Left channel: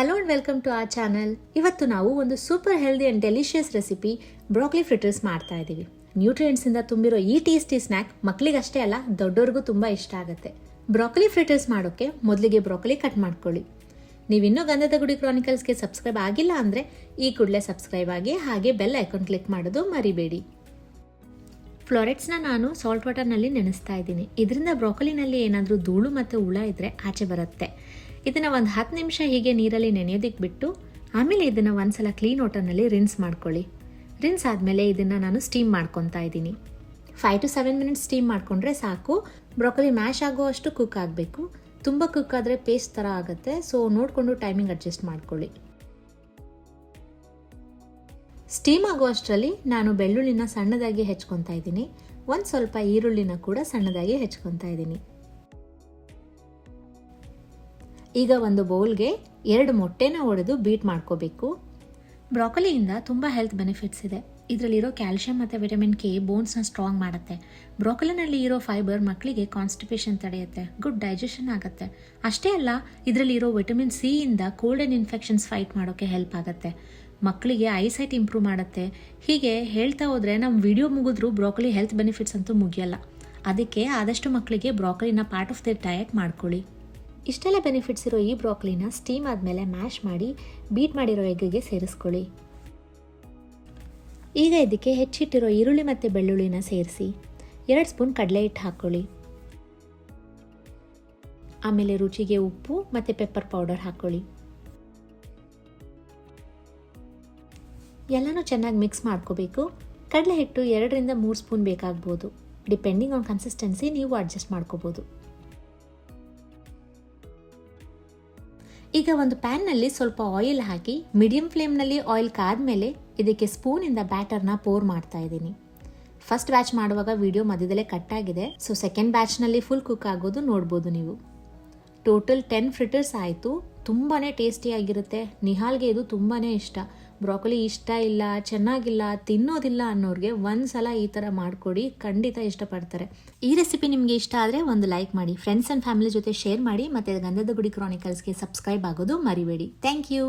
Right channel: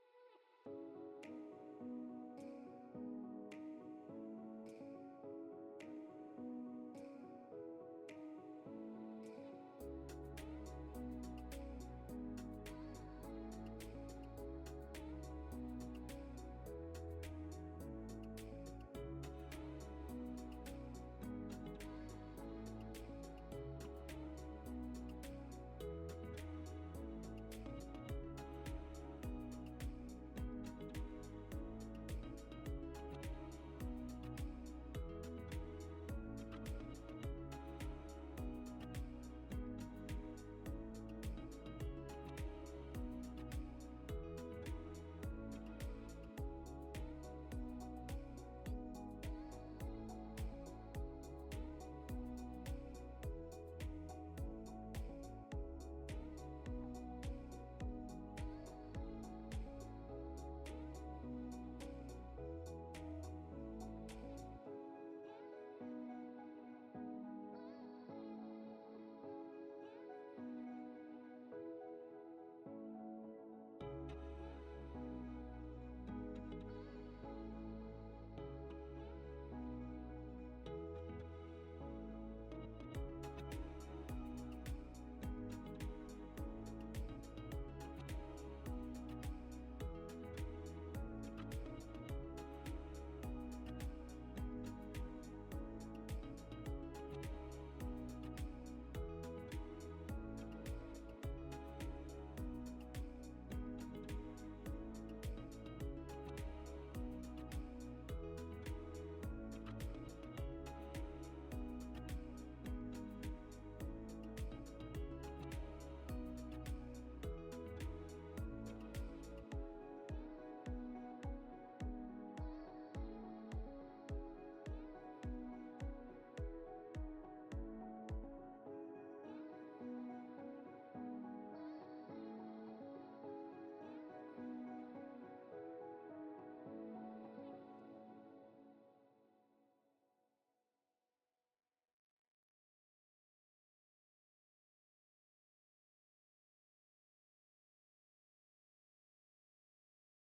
Hello and welcome to our channel. ಇವತ್ತು ನಾವು ಒಂದು super healthy and delicious recipe broccoli fritters ಮಾಡ್ತಾ ಇದ್ದೀವಿ. ನ್ಯೂಟ್ರಿಯೆಂಟ್ಸಿಂದ ತುಂಬಿರೋ ಈ ಟೇಸ್ಟಿ ಸ್ನ್ಯಾಕ್ ಮಕ್ಕಳಿಗಷ್ಟೇ ಅಲ್ಲ, ದೊಡ್ಡವ್ರಿಗೂ ತುಂಬ ಇಷ್ಟ ಆಗುತ್ತೆ. ಬ್ರೋಕೊಲಿ ಫ್ರಿಟರ್ಸ್ ಮಾಡೋಕ್ಕೆ ಮೊದಲಿಗೆ ಬ್ರೋಕೊಲಿ ಕಟ್ ಮಾಡ್ಕೊಳ್ಳಿ. ನೀವಿನ್ನೂ ಗಂಧದ ಗುಡಿ ಕ್ರಾನಿಕಲ್ಸ್ಗೆ ಸಬ್ಸ್ಕ್ರೈಬ್ ಆಗಿಲ್ಲ ಅಂದರೆ ಈ ಕೂಡಲೇ ಸಬ್ಸ್ಕ್ರೈಬ್ ಆಗಿ, ಹಾಗೆ ಬೆಲ್ ಐಕಾನ್ ಕ್ಲಿಕ್ ಮಾಡೋದು ಮರಿಬೇಡಿ. ಫ್ಲೋರೆಟ್ಸ್ನ ನಾನು ಸಾಲ್ಟ್ ವಾಟರ್ನಲ್ಲಿ ನೆನೆಸ್ತಾ ಇದ್ದೀನಿ. ಇದರಿಂದ ಬ್ರೋಕೊಲಿನಲ್ಲಿ ಏನಾದರೂ ಧೂಳು ಮತ್ತು ಹುಳ ಇದ್ದರೆ ಆಚೆ ಬರುತ್ತೆ. ಇದನ್ನು ಒಂದು 10 ನಿಮಿಷ ಹೀಗೆ ನೀರಲ್ಲಿ ನೆನೆಯೋದಕ್ಕೆ ಬಿಟ್ಟು ಆಮೇಲೆ ಇದನ್ನು ಒಂದ್ಸಲ ಕ್ಲೀನ್ ವಾಟರ್ನಲ್ಲಿ ರಿನ್ಸ್ ಮಾಡ್ಕೊಳ್ಳಿ. ರಿನ್ಸ್ ಆದಮೇಲೆ ಇದನ್ನು ನಾನು ಸ್ಟೀಮ್ ಮಾಡ್ಕೊತಾ ಇದ್ದೀನಿ. 5 to 7 ಮಿನಿಟ್ಸ್ ಸ್ಟೀಮ್ ಮಾಡಿಕೊಂಡ್ರೆ ಸಾಕು. ಬ್ರೋಕೊಲಿ ಮ್ಯಾಶ್ ಆಗೋ ಅಷ್ಟು ಕುಕ್ ಆಗಬೇಕು. ತುಂಬ ಕುಕ್ ಆದರೆ ಪೇಸ್ಟ್ ಥರ ಆಗುತ್ತೆ, ಸೊ ನೋಡಿಕೊಂಡು ಟೈಮಿಂಗ್ ಅಡ್ಜಸ್ಟ್ ಮಾಡ್ಕೊಳ್ಳಿ. ಸ್ಟೀಮ್ ಆಗೋ ಅಷ್ಟರಲ್ಲಿ ನಾನು ಬೆಳ್ಳುಳ್ಳಿನ ಸಣ್ಣದಾಗಿ ಹೆಚ್ಕೊತಾ ಇದ್ದೀನಿ. ಒಂದು ಸ್ವಲ್ಪ ಈರುಳ್ಳಿನ ಕೂಡ ಸಣ್ಣದಾಗಿ ಹೆಚ್ಕೊತಾ ಇದ್ದೀನಿ. ಈಗ ಒಂದು ಬೌಲ್ಗೆ 2 ಮೊಟ್ಟೆನ ಒಡೆದು ಬೀಟ್ ಮಾಡ್ಕೋಬೇಕು. ಬ್ರೋಕೊಲಿಯಿಂದ ತುಂಬ ಹೆಲ್ತ್ ಬೆನಿಫಿಟ್ಸ್ ಇದೆ. ಇದರಲ್ಲಿರೋ ಕ್ಯಾಲ್ಶಿಯಂ ಮತ್ತು ವಿಟಮಿನ್ ಕೆ ಬೋನ್ಸ್ನ ಸ್ಟ್ರಾಂಗ್ ಮಾಡುತ್ತೆ. ಬ್ರೋಕೊಲಿನಲ್ಲಿ ಇರೋ ಫೈಬರ್ ಮಕ್ಕಳಿಗೆ ಕಾನ್ಸ್ಟಿಪೇಷನ್ ತಡೆಯುತ್ತೆ, ಗುಡ್ ಡೈಜೆಷನ್ ಆಗುತ್ತೆ. ಅಷ್ಟೇ ಅಲ್ಲ, ಇದರಲ್ಲಿರೋ ವಿಟಮಿನ್ ಸಿ ಇಂದ ಕೋಲ್ಡ್ ಆ್ಯಂಡ್ ಇನ್ಫೆಕ್ಷನ್ಸ್ ಫೈಟ್ ಮಾಡೋಕ್ಕೆ ಹೆಲ್ಪ್ ಆಗುತ್ತೆ. ಮಕ್ಕಳಿಗೆ ಐಸೈಟ್ ಇಂಪ್ರೂವ್ ಮಾಡುತ್ತೆ. ಹೀಗೆ ಹೇಳ್ತಾ ಹೋದರೆ ನಮ್ಮ ವಿಡಿಯೋ ಮುಗಿದ್ರೂ ಬ್ರೋಕೊಲಿ ಹೆಲ್ತ್ ಬೆನಿಫಿಟ್ಸ್ ಅಂತೂ ಮುಗಿಯಲ್ಲ. ಅದಕ್ಕೆ ಆದಷ್ಟು ಮಕ್ಕಳಿಗೆ ಬ್ರೋಕೊಲಿನ ಪಾರ್ಟ್ ಆಫ್ ದೇರ್ ಡಯಟ್ ಮಾಡ್ಕೊಳ್ಳಿ. ಇಷ್ಟೆಲ್ಲ ಬೆನಿಫಿಟ್ಸ್ ಇರೋ ಈ ಬ್ರೋಕೊಲಿನ ಸ್ಟೀಮ್ ಆದಮೇಲೆ ಮ್ಯಾಶ್ ಮಾಡಿ ಬೀಟ್ ಮಾಡಿರೋ ಎಗ್ಗಿಗೆ ಸೇರಿಸ್ಕೊಳ್ಳಿ. ಈಗ ಇದಕ್ಕೆ ಹೆಚ್ಚಿಟ್ಟಿರೋ ಈರುಳ್ಳಿ ಮತ್ತು ಬೆಳ್ಳುಳ್ಳಿನ ಸೇರಿಸಿ 2 ಸ್ಪೂನ್ ಕಡಲೆ ಹಿಟ್ಟು ಹಾಕ್ಕೊಳ್ಳಿ. ಆಮೇಲೆ ರುಚಿಗೆ ಉಪ್ಪು ಮತ್ತು ಪೆಪ್ಪರ್ ಪೌಡರ್ ಹಾಕ್ಕೊಳ್ಳಿ. ಎಲ್ಲನೂ ಚೆನ್ನಾಗಿ ಮಿಕ್ಸ್ ಮಾಡ್ಕೋಬೇಕು. ಕಡಲೆ ಹಿಟ್ಟು 2 ರಿಂದ 3 ಸ್ಪೂನ್ ಬೇಕಾಗ್ಬೋದು. ಡಿಪೆಂಡಿಂಗ್ ಆನ್ ಕನ್ಸಿಸ್ಟೆನ್ಸಿ ನೀವು ಅಡ್ಜಸ್ಟ್ ಮಾಡ್ಕೋಬೋದು. ಈಗ ಒಂದು ಪ್ಯಾನ್ನಲ್ಲಿ ಸ್ವಲ್ಪ ಆಯಿಲ್ ಹಾಕಿ ಮೀಡಿಯಂ ಫ್ಲೇಮ್ನಲ್ಲಿ ಆಯಿಲ್ ಕಾದ್ಮೇಲೆ ಇದಕ್ಕೆ ಸ್ಪೂನಿಂದ ಬ್ಯಾಟರ್ನ ಪೋರ್ ಮಾಡ್ತಾ ಇದ್ದೀನಿ. ಫಸ್ಟ್ ಬ್ಯಾಚ್ ಮಾಡುವಾಗ ವಿಡಿಯೋ ಮಧ್ಯದಲ್ಲೇ ಕಟ್ ಆಗಿದೆ, ಸೊ ಸೆಕೆಂಡ್ ಬ್ಯಾಚ್ನಲ್ಲಿ ಫುಲ್ ಕುಕ್ ಆಗೋದು ನೋಡ್ಬೋದು ನೀವು. ಟೋಟಲ್ 10 ಫ್ರಿಟರ್ಸ್ ಆಯಿತು. ತುಂಬಾ ಟೇಸ್ಟಿಯಾಗಿರುತ್ತೆ. ನಿಹಾಲ್ಗೆ ಇದು ತುಂಬಾ ಇಷ್ಟ. ಬ್ರೋಕೊಲಿ ಇಷ್ಟ ಇಲ್ಲ, ಚೆನ್ನಾಗಿಲ್ಲ, ತಿನ್ನೋದಿಲ್ಲ ಅನ್ನೋರಿಗೆ ಒಂದ್ಸಲ ಈ ಥರ ಮಾಡಿಕೊಡಿ, ಖಂಡಿತ ಇಷ್ಟಪಡ್ತಾರೆ. ಈ ರೆಸಿಪಿ ನಿಮಗೆ ಇಷ್ಟ ಆದರೆ ಒಂದು ಲೈಕ್ ಮಾಡಿ, ಫ್ರೆಂಡ್ಸ್ ಆ್ಯಂಡ್ ಫ್ಯಾಮಿಲಿ ಜೊತೆ ಶೇರ್ ಮಾಡಿ, ಮತ್ತು ಗಂಧದ ಗುಡಿ ಕ್ರಾನಿಕಲ್ಸ್ಗೆ ಸಬ್ಸ್ಕ್ರೈಬ್ ಆಗೋದು ಮರಿಬೇಡಿ. Thank you.